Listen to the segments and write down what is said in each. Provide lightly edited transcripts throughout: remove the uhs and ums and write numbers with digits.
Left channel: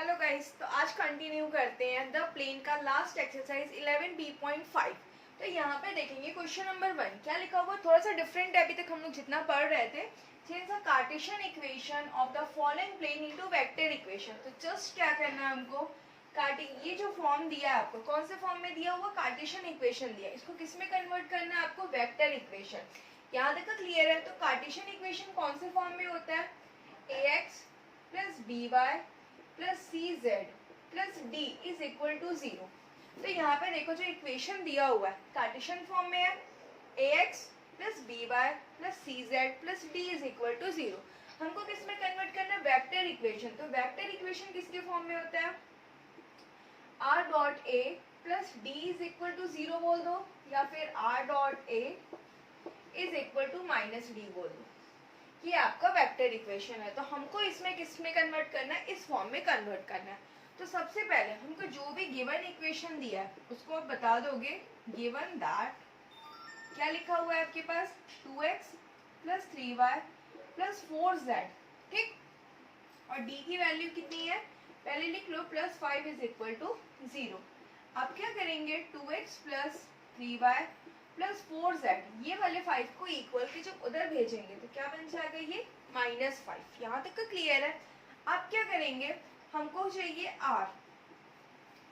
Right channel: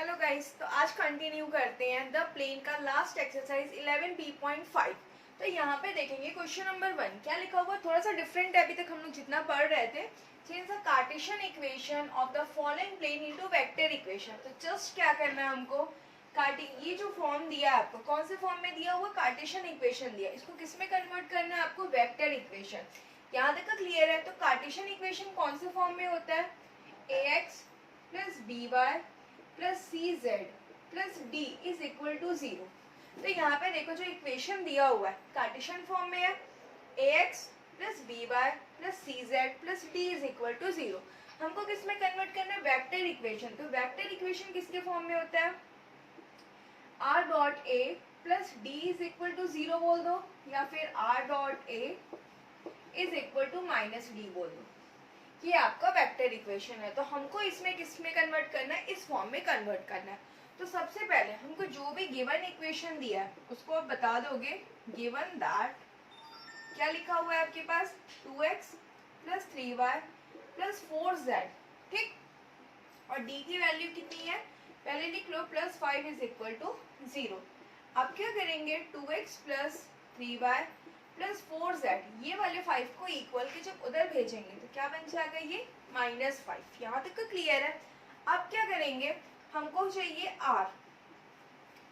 Hello guys, तो आज continue करते हैं द प्लेन का लास्ट एक्सरसाइज 11b.5। तो यहाँ पे देखेंगे क्वेश्चन नंबर 1 क्या लिखा हुआ, थोड़ा सा डिफरेंट है। अभी तक हम लोग जितना पढ़ रहे थे, change the Cartesian equation of the following plane into vector equation. तो जस्ट क्या करना है हमको, ये जो फॉर्म दिया है आपको, कौन से फॉर्म में दिया हुआ, कार्टेशियन इक्वेशन दिया, इसको किस में कन्वर्ट करना है आपको, वेक्टर इक्वेशन। यहाँ तक क्लियर है। तो कार्टेशियन इक्वेशन कौन से फॉर्म में होता है, ax plus B Y plus C Z plus D is equal to 0। तो यहाँ पे देखो जो इक्वेशन दिया हुआ है कार्टेशियन फॉर्म में है, ax plus B Y plus C Z plus D is equal to 0। हमको किस में कन्वर्ट करना है, वेक्टर इक्वेशन। तो वेक्टर इक्वेशन किसके फॉर्म में होता है, r dot a plus D is equal to 0 बोल दो, या फिर r dot a is equal to minus D बोल दो। ये आपका वेक्टर इक्वेशन है। तो हमको इसमें किस में कन्वर्ट करना है, इस फॉर्म में कन्वर्ट करना है। तो सबसे पहले हमको जो भी गिवन इक्वेशन दिया है उसको आप बता दोगे, गिवन दैट क्या लिखा हुआ है आपके पास, 2x plus 3y plus 4z, ठीक। और d की वैल्यू कितनी है, पहले लिख लो, प्लस 5 इज इक्वल टू 0। अब क्या करेंगे, 2x plus 3y plus 4z, ये वाले 5 को इक्वल के जब उधर भेजेंगे तो क्या बन जाएगा, ये -5। यहाँ तक क्लियर है। अब क्या करेंगे, हमको चाहिए r।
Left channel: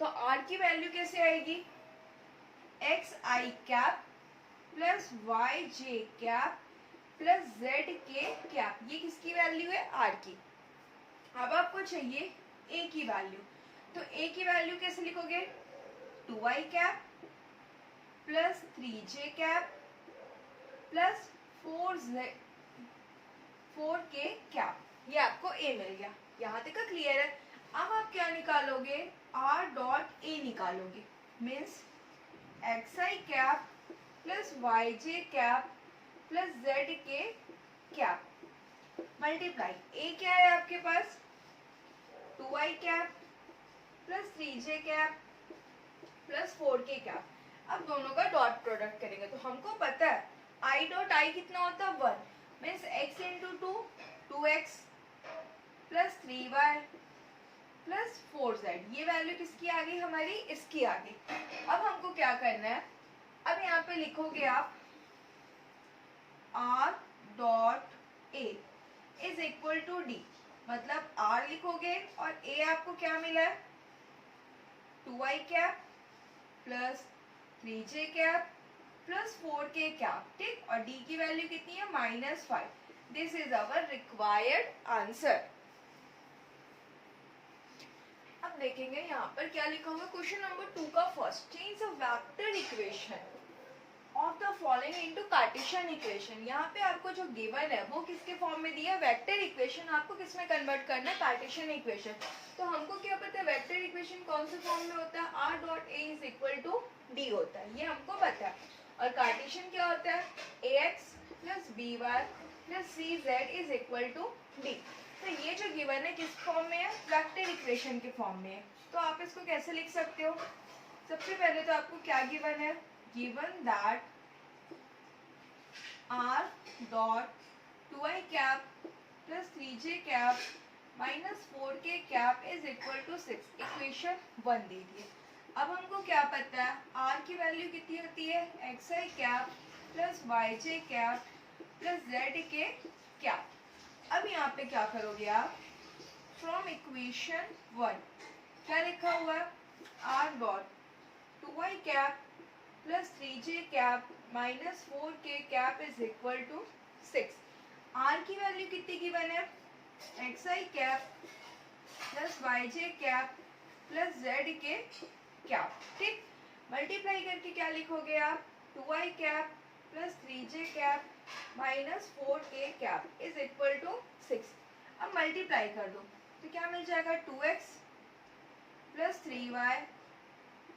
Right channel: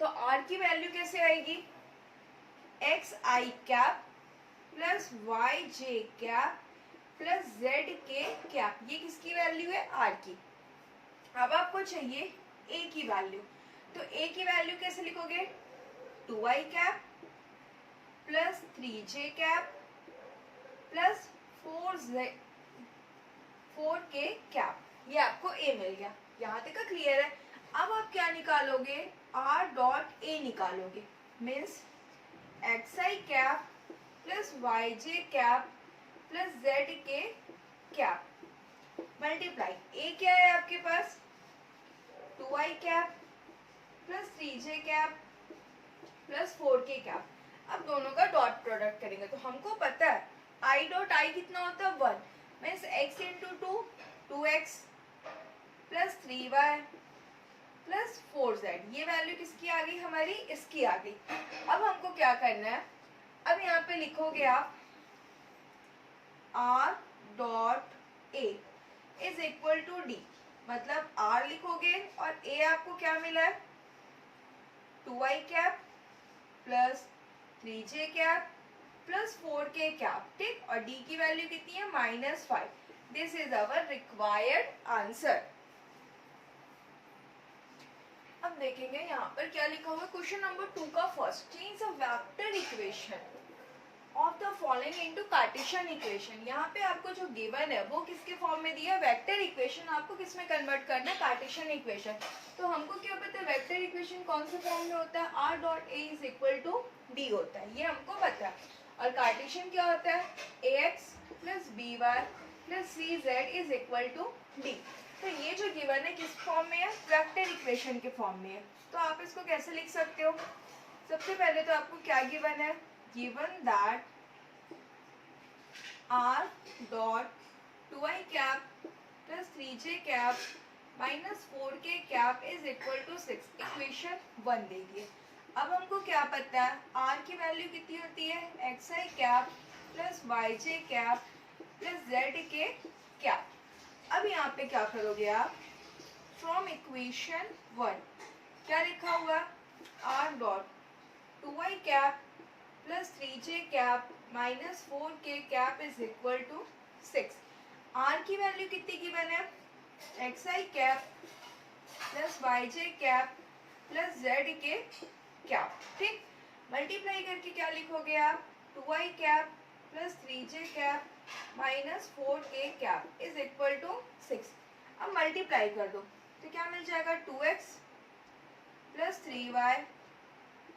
तो r की वैल्यू कैसे आएगी, एक्स आई कैप प्लस वाई जे कैप प्लस जेड के कैप, ये किसकी वैल्यू है, r की। अब आपको चाहिए a की वैल्यू। तो a की वैल्यू कैसे लिखोगे, 2i cap plus 3j cap plus 4k cap, ये आपको a मिल गया। यहाँ तक क्लियर है। अब आप क्या निकालोगे, r डॉट a निकालोगे, means xi cap plus yj cap plus zk cap multiply, a क्या है आपके पास, 2i cap plus 3j cap plus 4k cap. अब दोनों का डॉट प्रोडक्ट करेंगे तो हमको पता है i डॉट i कितना होता है, 1, means x into 2x plus 3y plus 4z, ये वैल्यू किसकी आ गई हमारी, इसकी आ गई। अब हमको क्या करना है, अब यहाँ पे लिखोगे आप r dot a is equal to d, मतलब r लिखोगे और a आपको क्या मिला है, 2i cap plus 3j cap plus 4k cap, ठीक। और d की वैल्यू कितनी है, -5। This is our required answer. अब देखेंगे यहाँ पर क्या लिखा हुआ है, क्वेश्चन नंबर 2 का first, change a vector equation of the following into Cartesian equation. यहाँ पे आपको जो गिवन है वो किसके फॉर्म में दिया है, वेक्टर इक्वेशन। आपको किस में कन्वर्ट करना है, कार्टेशियन इक्वेशन। तो हमको क्या पता है, वेक्टर इक्वेशन कौन से फॉर्म में होता है, r dot a is equal to d होता है, ये हमको पता है। और कार्टेशियन क्या होता है, ax plus B Y plus C Z is equal to d। तो ये जो गिवन है किस फॉर्म में है, वेक्टर इक्वेशन के फॉर्म में है। तो आप इसको कैसे लिख सकते हो, सबसे पहले तो आपको क्या गिवन है, given that r dot 2i cap plus 3j cap minus 4k cap is equal to 6, equation 1 दे दिए। अब हमको क्या पता है, r की वैल्यू कितनी होती है, xi cap plus yj cap plus zk cap। अब यहाँ पे क्या करोगे आप, फ्रॉम इक्वेशन 1 क्या लिखा हुआ, r dot 2i cap plus 3j cap minus 4k cap is equal to 6। r की वैल्यू कितनी गिवन है, xi cap plus yj cap plus zk cap, ठीक। मल्टीप्लाई करके क्या लिखोगे आप, 2i cap plus 3j cap minus 4k cap is equal to 6। अब multiply कर दो तो क्या मिल जाएगा, 2x plus 3y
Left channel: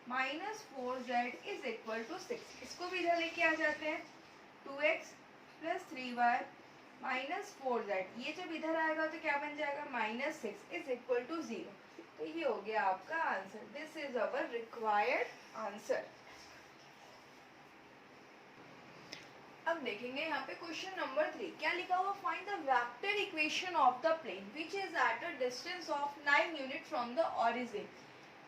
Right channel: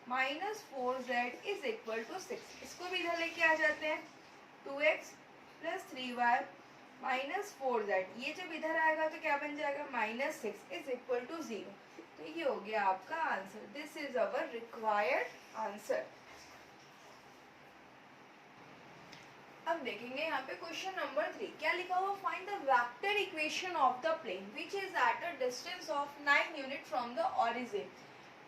minus 4z is equal to 6। इसको भी इधर लेके आ जाते हैं, 2x plus 3y minus 4z, ये जब इधर आएगा तो क्या बन जाएगा, -6 इज इक्वल टू 0। तो ये हो गया आपका answer. This is our required answer. अब देखेंगे यहाँ पे क्वेश्चन नंबर 3 क्या लिखा हुआ, find the vector equation of the plane which is at a distance of 9 unit from the origin.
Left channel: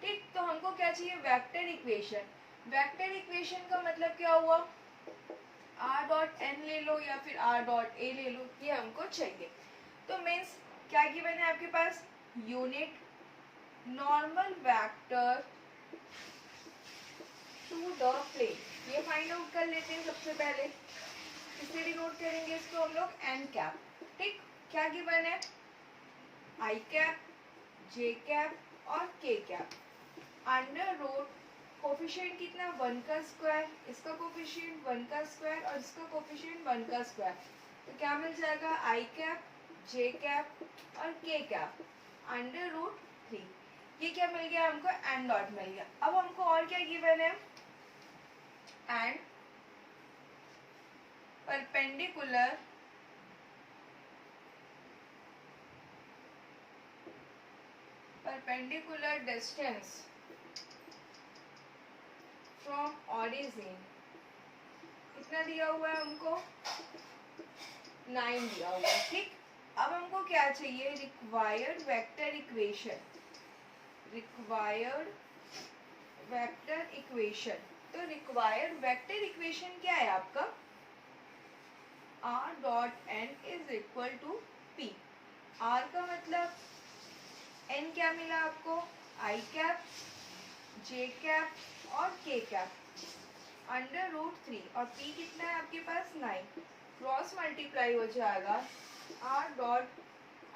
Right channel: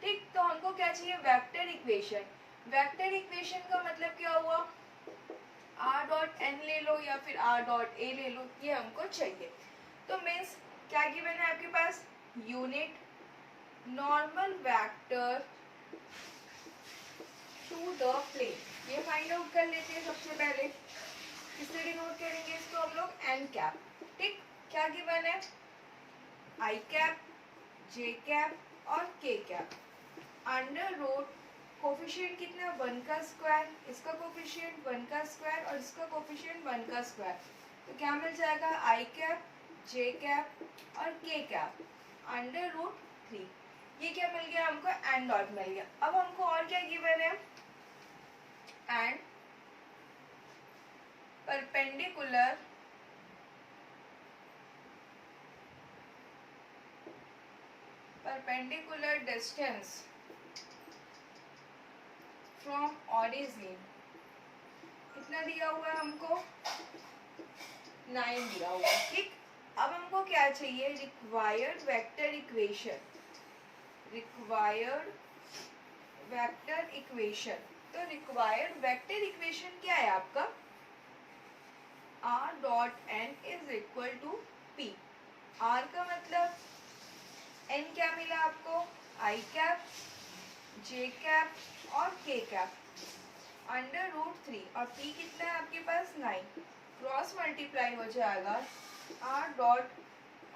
ठीक, तो हमको क्या चाहिए, वेक्टर इक्वेशन। वेक्टर इक्वेशन का मतलब क्या हुआ, r डॉट n ले लो या फिर r डॉट a ले लो, ये हमको चाहिए। तो मीन्स क्या गिवन है आपके पास, unit normal vector to the plane, ये फाइंड आउट कर लेते हैं सबसे पहले। किससे डिनोट करेंगे इसको हम लोग, एन कैप। ठीक, क्या गिवन है, आई कैप, जे कैप और के कैप। अंडर रूट कोफिशिएंट कितना, 1 का स्क्वायर, इसका कोफिशिएंट 1 का स्क्वायर और इसका कोफिशिएंट 1 का स्क्वायर। तो क्या मिल जाएगा, आई कैप, जे कैप और के कैप अंडर रूट 3। ये क्या मिल गया हमको, एन डॉट मिल गया। अब हमको और क्या गिवन है, and perpendicular distance from origin कितना दिया हुआ है हमको, 9 दिया हुआ है। ठीक, अब हमको क्या चाहिए, required vector equation, required vector equation. तो रिक्वायर्ड वेक्टर इक्वेशन क्या है आपका, r dot n is equal to p। r का मतलब n क्या मिला आपको, i कैप, j कैप और k कैप अंडर रूट 3 और p कितना है आपके पास, 9। क्रॉस मल्टीप्लाई हो जाएगा r dot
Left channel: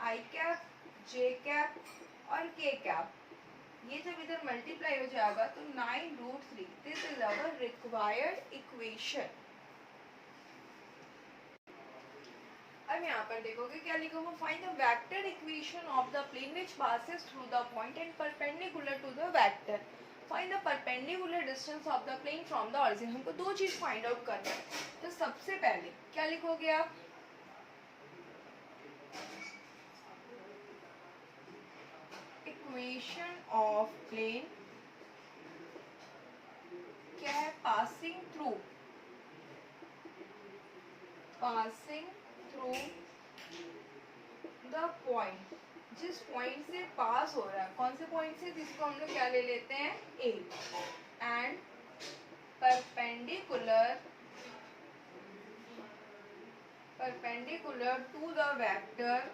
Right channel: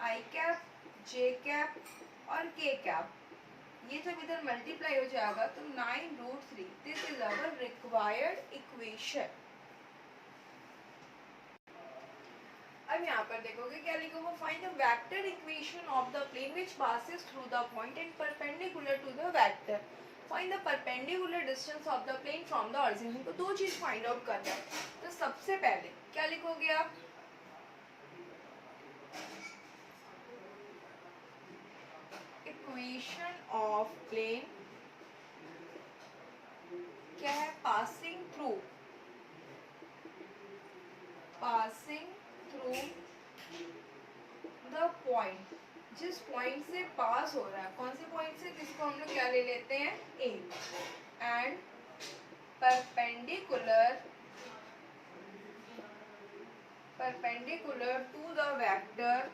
i cap, j cap और k कैप, ये जब इधर मल्टीप्लाई हो जाएगा तो 9 root 3। This is our required equation. अब यहाँ पर देखोगे क्या लिखा हुआ, find the vector equation of the plane which passes through the point and perpendicular to the vector. Find the perpendicular distance of the plane from the origin. हमको दो चीज फाइंड आउट करना है। तो सबसे पहले क्या लिखोगे आप, इक्वेशन ऑफ प्लेन क्या है, पासिंग थ्रू द पॉइंट, जिस पॉइंट से पास हो रहा है, कौन से पॉइंट से, जिसको हम लोग क्या ले लेते हैं, A, and perpendicular to the vector,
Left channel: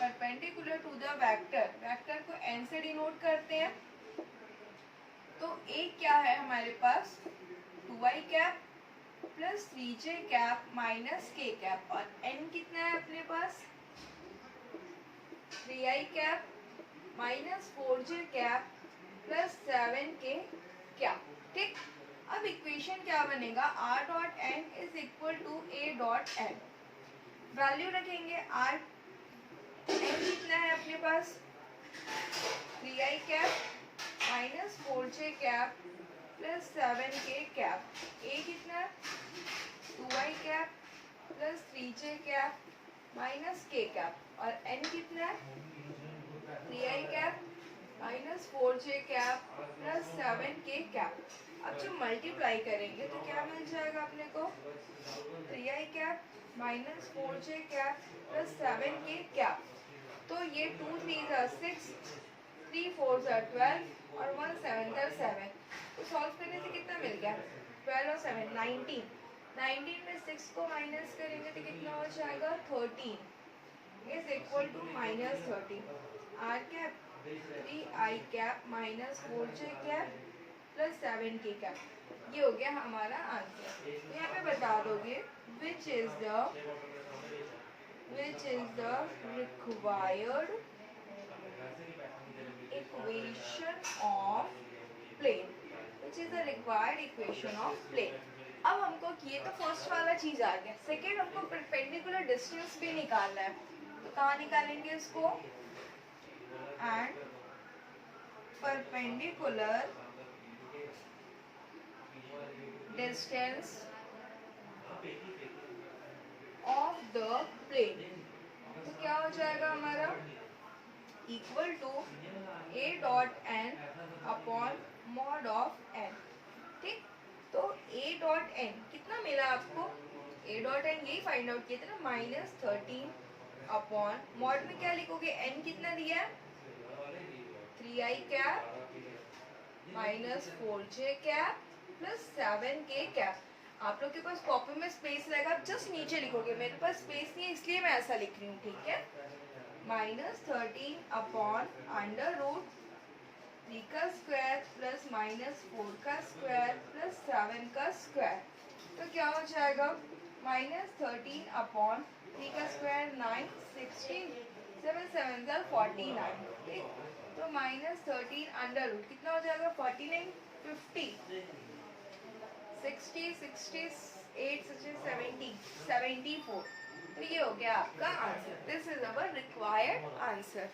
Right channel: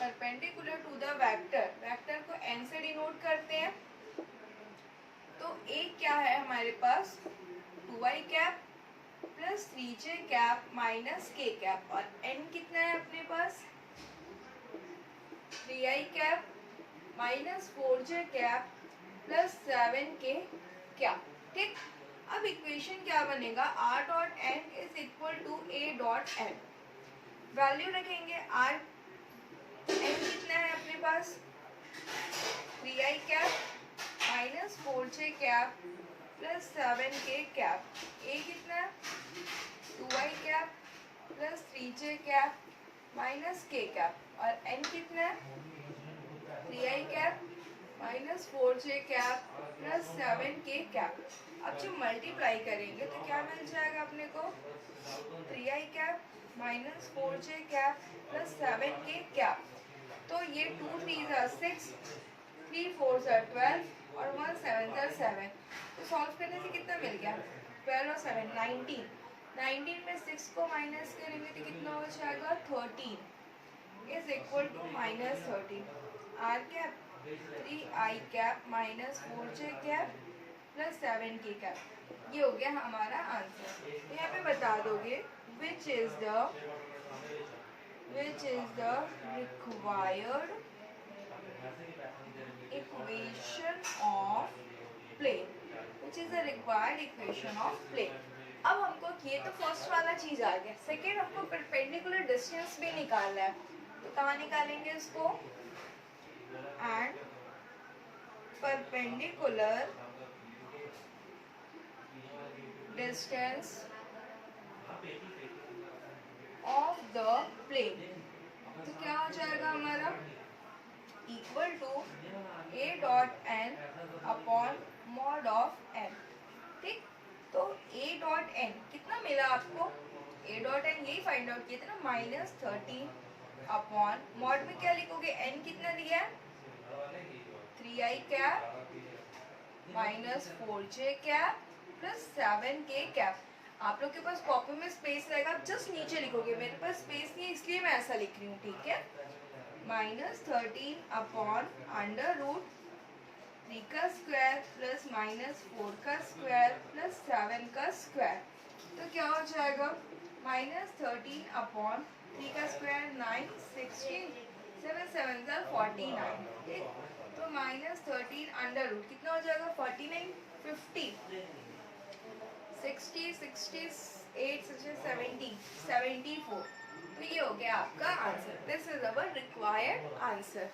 perpendicular to the vector, vector को एन से डिनोट करते हैं। तो ए क्या है हमारे पास, 2i cap plus 3j cap minus k cap, और n कितना है अपने पास, 3i cap minus 4j cap plus 7k cap. ठीक, अब इक्वेशन क्या बनेगा, r dot n is equal to a dot n। Value रखेंगे, r n कितना है अपने पास, 3i cap minus 4j cap plus 7k cap, a कितना है, 2i cap plus 3j cap minus k cap, और n कितना है, 3i cap minus 4j cap plus 7k cap. अब जब मल्टीप्लाई करेंगे तो क्या मिल जाएगा अपने को, 3i cap minus 4j cap plus 7k cap. तो ये 2 3 6, 3 4 12 और 1 7 7। तो सॉल्व करने से कितना मिल गया, 12 और 7 19। 19 में 6 को माइनस करेंगे तो कितना हो जाएगा, 13 is equal to minus 13। R cap 3i cap minus 4j cap plus 7k cap, ये हो गया हमारा आंसर। यहाँ पे बता दोगे which is the required equation of plane, which is the required equation of plane. अब हमको ये तो फर्स्ट वाला चीज आ गया। सेकेंड हमको परपेंडिकुलर डिस्टेंस भी निकालना है। तो कहाँ निकालेंगे इसको, and perpendicular distance of the plane. तो क्या हो जाएगा हमारा, equal to a dot n upon mod of n। ठीक, तो a डॉट n कितना मिला आपको, ए डॉट एन यही फाइंड आउट किए थे ना, -13 अपॉन मॉड में क्या लिखोगे, एन कितना दिया है 3i cap -4j cap plus 7k cap. आप लोग के पास कॉपी में स्पेस रहेगा, आप जस्ट नीचे लिखोगे, मेरे पास स्पेस नहीं है इसलिए मैं ऐसा लिख रही हूँ, ठीक है। -13 अपॉन अंडर रूट 3 का स्क्वायर प्लस -4 का स्क्वायर प्लस 7 का स्क्वायर, तो क्या हो जाएगा -13 अपॉन 3 का स्क्वायर 9, 16, 7 7 का 49, ठीक। तो -13 अंडर रूट कितना हो जाएगा 49, 50, 60, 68, 70, 74। तो ये हो गया आपका answer. This is our required answer.